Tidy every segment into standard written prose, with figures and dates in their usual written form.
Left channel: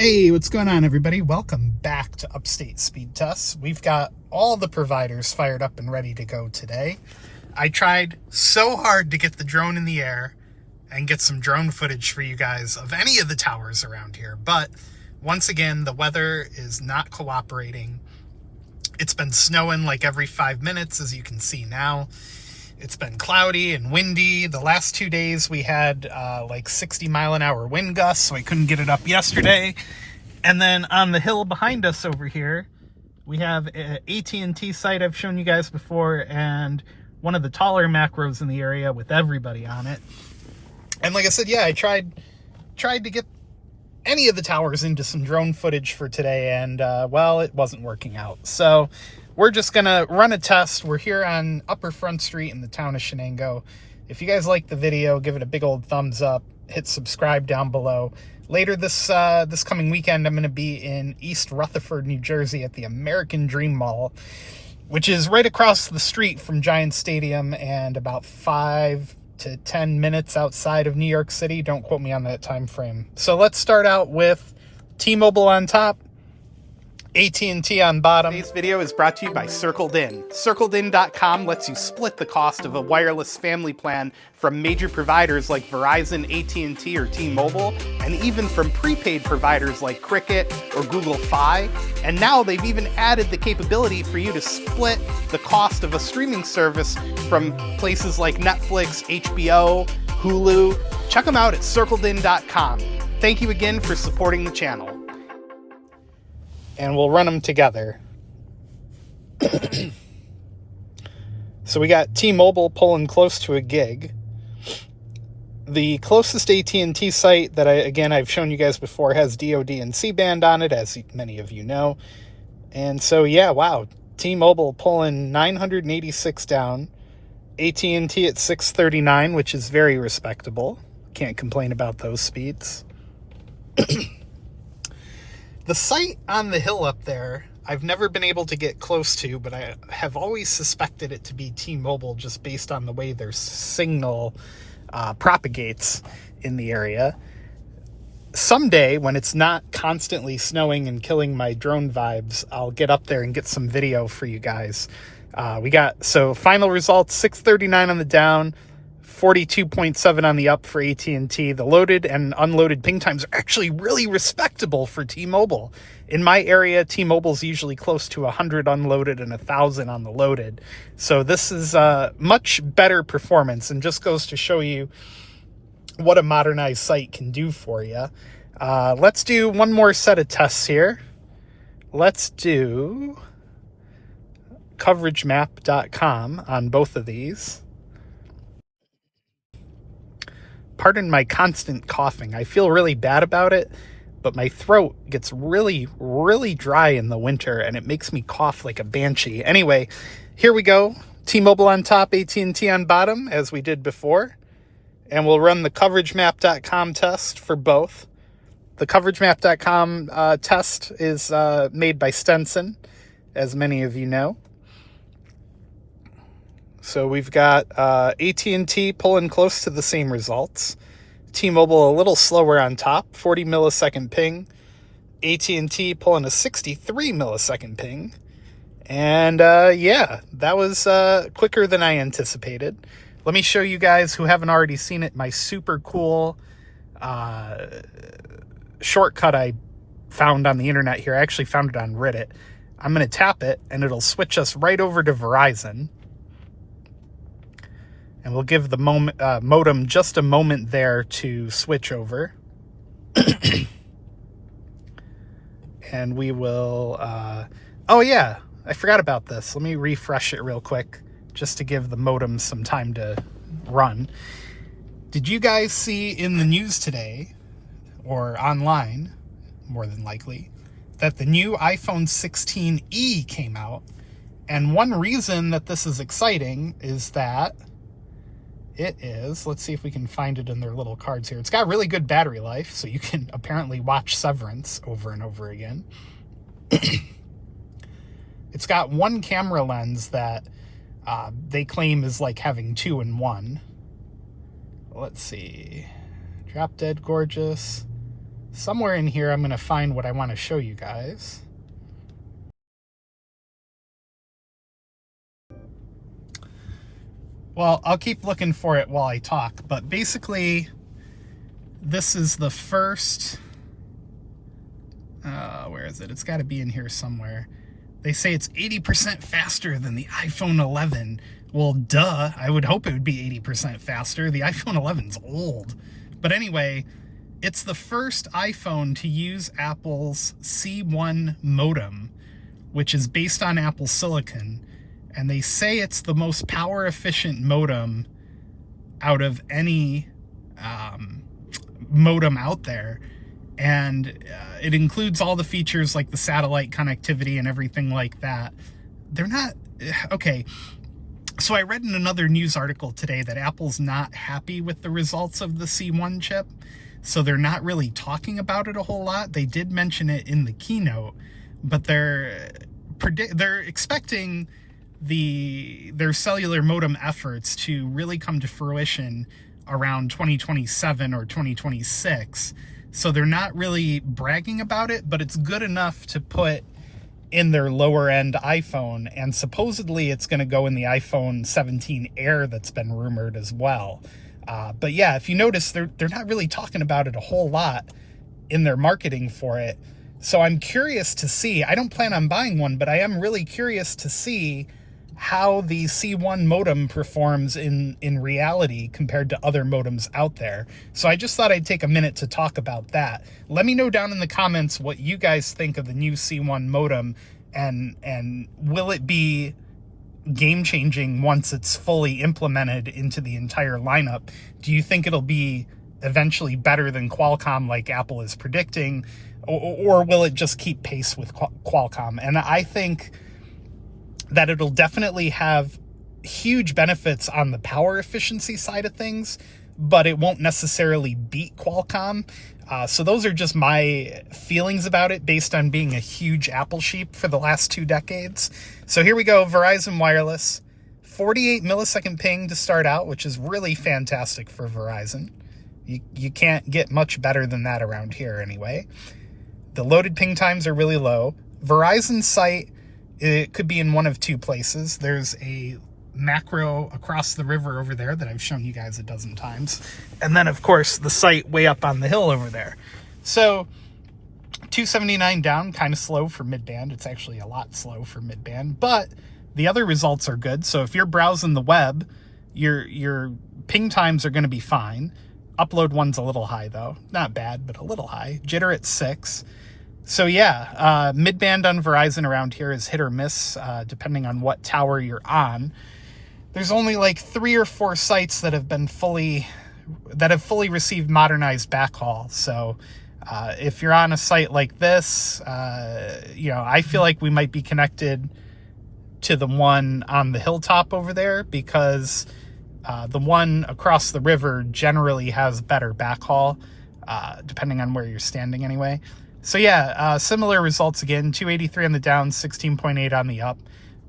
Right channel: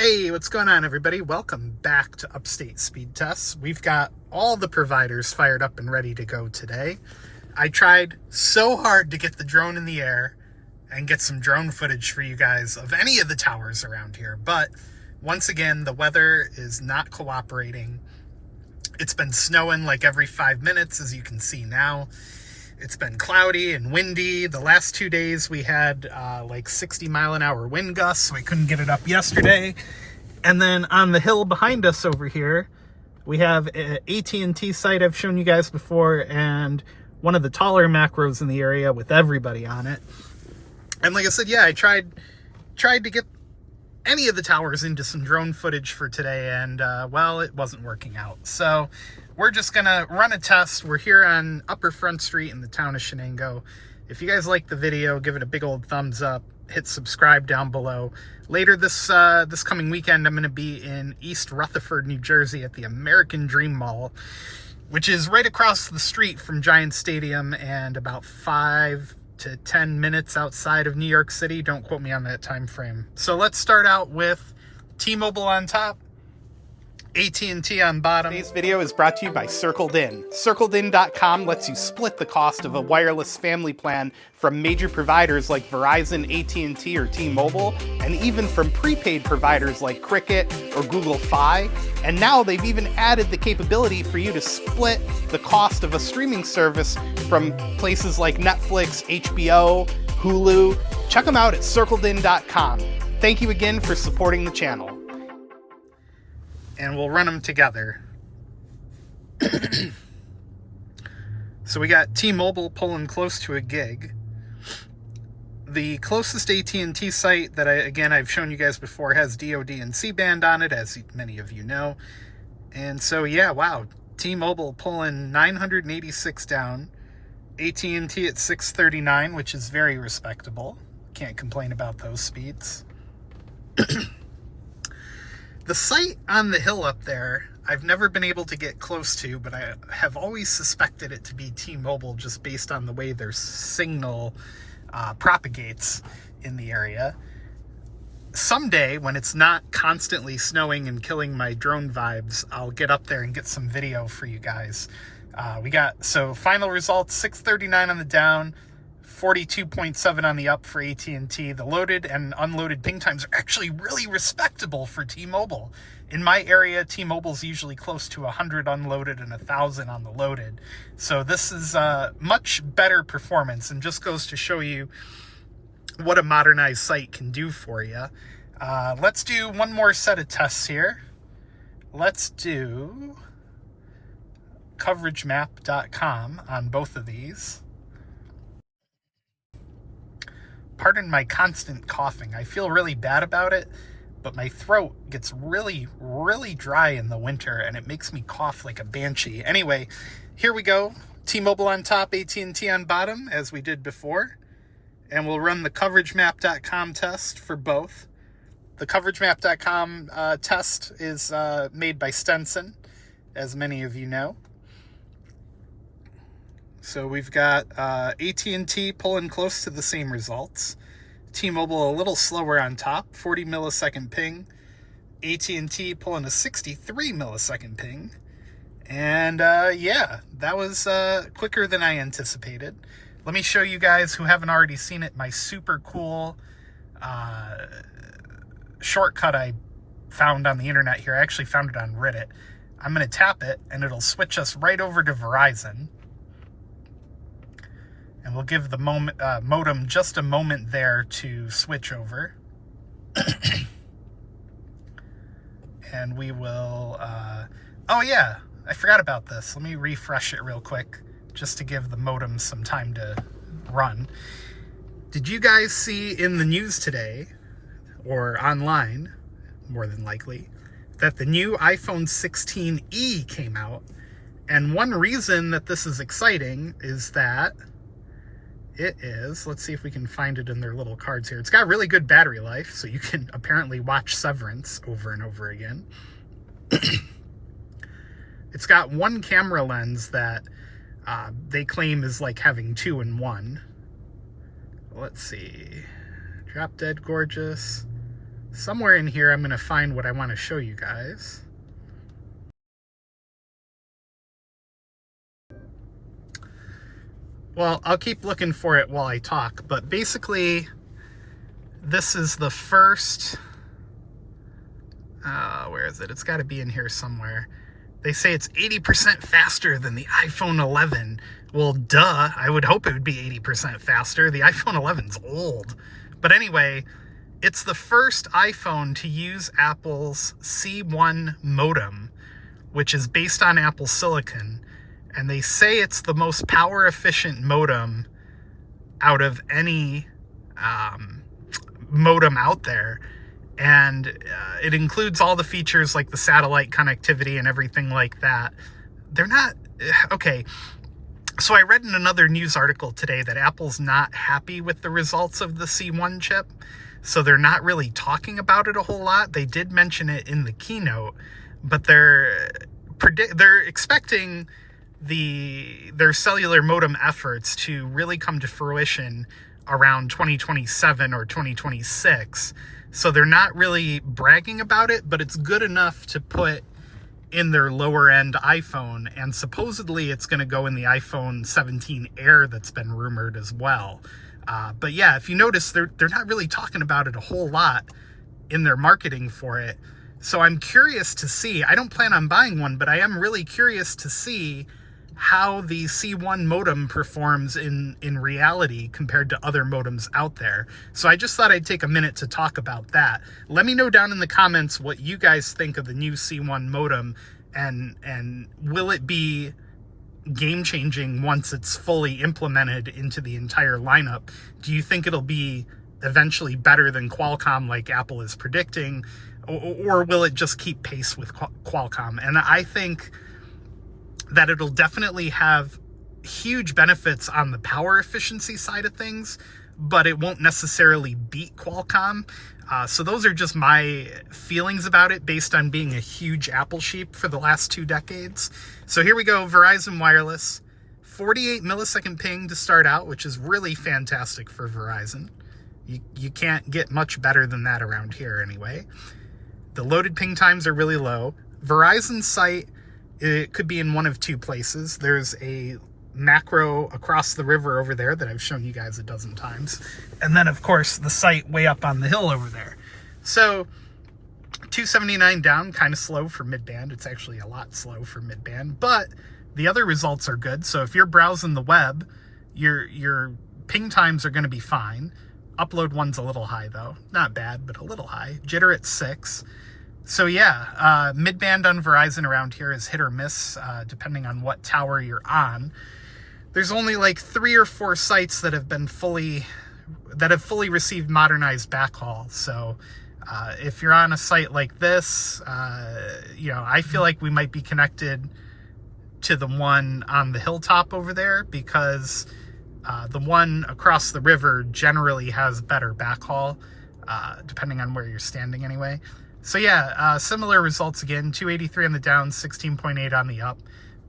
Hey, what's going on, everybody? Welcome back to Upstate Speed Tests. We've got all the providers fired up and ready to go today. I tried so hard to get the drone in the air and get some drone footage for you guys of any of the towers around here, but once again, the weather is not cooperating. It's been snowing like every 5 minutes, as you can see now. It's been cloudy and windy. The last 2 days we had like 60-mile-an-hour wind gusts, so I couldn't get it up yesterday. And then on the hill behind us over here, we have an AT&T site I've shown you guys before, and one of the taller macros in the area with everybody on it. And like I said, yeah, I tried to get any of the towers into some drone footage for today, and well, it wasn't working out. So we're just gonna run a test. We're here on Upper Front Street in the town of Shenango. If you guys like the video, give it a big old thumbs up, hit subscribe down below. Later this coming weekend, I'm gonna be in East Rutherford, New Jersey at the American Dream Mall, which is right across the street from Giant Stadium and about 5 to 10 minutes outside of New York City. Don't quote me on that time frame. So let's start out with T-Mobile on top, AT&T on bottom. Today's video is brought to you by CircledIn. CircledIn.com lets you split the cost of a wireless family plan from major providers like Verizon, AT&T, or T-Mobile, and even from prepaid providers like Cricket or Google Fi. And now they've even added the capability for you to split the cost of a streaming service from places like Netflix, HBO, Hulu. Check them out at CircledIn.com. Thank you again for supporting the channel. And we'll run them together. So we got T-Mobile pulling close to a gig. The closest AT&T site that I've shown you guys before has DoD and C-band on it, as many of you know. And so yeah, wow, T-Mobile pulling 986 down, AT&T at 639, which is very respectable. Can't complain about those speeds. The site on the hill up there, I've never been able to get close to, but I have always suspected it to be T-Mobile just based on the way their signal propagates in the area. Someday, when it's not constantly snowing and killing my drone vibes, I'll get up there and get some video for you guys. So final results, 639 on the down, 42.7 on the up for AT&T. The loaded and unloaded ping times are actually really respectable for T-Mobile. In my area, T-Mobile's usually close to 100 unloaded and 1,000 on the loaded. So this is much better performance, and just goes to show you what a modernized site can do for you. Let's do one more set of tests here. Let's do coveragemap.com on both of these. Pardon my constant coughing. I feel really bad about it, but my throat gets really, really dry in the winter, and it makes me cough like a banshee. Anyway, here we go. T-Mobile on top, AT&T on bottom, as we did before. And we'll run the coveragemap.com test for both. The coveragemap.com test is made by Stenson, as many of you know. So we've got AT&T pulling close to the same results. T-Mobile a little slower on top, 40 millisecond ping. AT&T pulling a 63 millisecond ping. And yeah, that was quicker than I anticipated. Let me show you guys who haven't already seen it, my super cool shortcut I found on the internet here. I actually found it on Reddit. I'm going to tap it, and it'll switch us right over to Verizon. And we'll give the modem just a moment there to switch over. And we will... oh yeah, I forgot about this. Let me refresh it real quick, just to give the modem some time to run. Did you guys see in the news today, or online, more than likely, that the new iPhone 16e came out? And one reason that this is exciting is that it is, let's see if we can find it in their little cards here. It's got really good battery life, so you can apparently watch Severance over and over again. It's got one camera lens that they claim is like having 2 in 1. Let's see. Drop Dead Gorgeous. somewhere in here I'm going to find what I want to show you guys. Well, I'll keep looking for it while I talk, but basically this is the first, where is it? It's got to be in here somewhere. They say it's 80% faster than the iPhone 11. Well, duh, I would hope it would be 80% faster. The iPhone 11's old. But anyway, it's the first iPhone to use Apple's C1 modem, which is based on Apple Silicon. And they say it's the most power efficient modem out of any modem out there. And it includes all the features like the satellite connectivity and everything like that. They're not, okay. So I read in another news article today that Apple's not happy with the results of the C1 chip. So they're not really talking about it a whole lot. They did mention it in the keynote, but they're expecting their cellular modem efforts to really come to fruition around 2027 or 2026. So they're not really bragging about it, but it's good enough to put in their lower end iPhone, and supposedly it's going to go in the iPhone 17 Air that's been rumored as well. But yeah, if you notice, they're not really talking about it a whole lot in their marketing for it. So I'm curious to see. I don't plan on buying one, but I am really curious to see how the C1 modem performs in reality compared to other modems out there. So I just thought I'd take a minute to talk about that. Let me know down in the comments what you guys think of the new C1 modem, and will it be game-changing once it's fully implemented into the entire lineup? Do you think it'll be eventually better than Qualcomm like Apple is predicting, or will it just keep pace with Qualcomm? And I think that it'll definitely have huge benefits on the power efficiency side of things, but it won't necessarily beat Qualcomm. So those are just my feelings about it based on being a huge Apple sheep for the last 2 decades. So here we go, Verizon Wireless. 48 millisecond ping to start out, which is really fantastic for Verizon. You can't get much better than that around here anyway. The loaded ping times are really low. Verizon's site, it could be in one of 2 places. There's a macro across the river over there that I've shown you guys a dozen times. And then, of course, the site way up on the hill over there. So 279 down, kind of slow for mid-band. It's actually a lot slow for mid-band, but the other results are good. So if you're browsing the web, your ping times are going to be fine. Upload one's a little high, though. Not bad, but a little high. Jitter at 6. So yeah, mid-band on Verizon around here is hit or miss, depending on what tower you're on. There's only like 3 or 4 sites that have fully received modernized backhaul. So if you're on a site like this, I feel like we might be connected to the one on the hilltop over there, because the one across the river generally has better backhaul, depending on where you're standing anyway. So yeah, similar results again, 283 on the down, 16.8 on the up.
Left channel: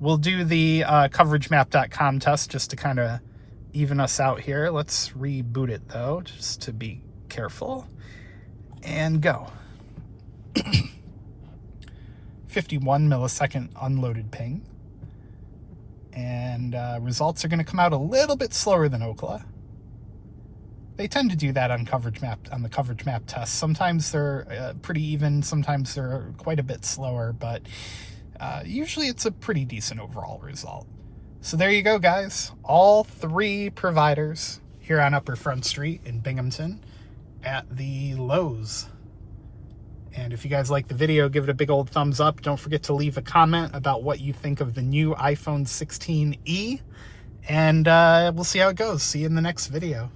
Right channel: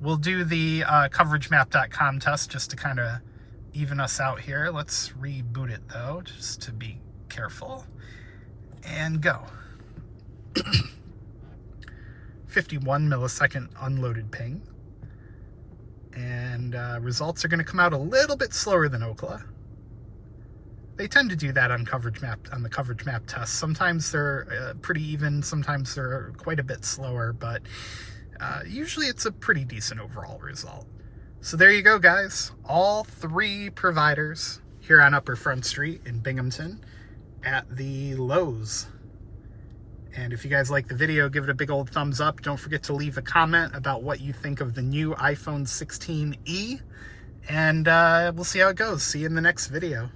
We'll do the coveragemap.com test just to kind of even us out here. Let's reboot it though, just to be careful. And go. 51 millisecond unloaded ping. And results are going to come out a little bit slower than Ookla. They tend to do that on the coverage map test. Sometimes they're pretty even, sometimes they're quite a bit slower, but usually it's a pretty decent overall result. So there you go, guys. All 3 providers here on Upper Front Street in Binghamton at the Lowe's. And if you guys like the video, give it a big old thumbs up. Don't forget to leave a comment about what you think of the new iPhone 16e. And we'll see how it goes. See you in the next video.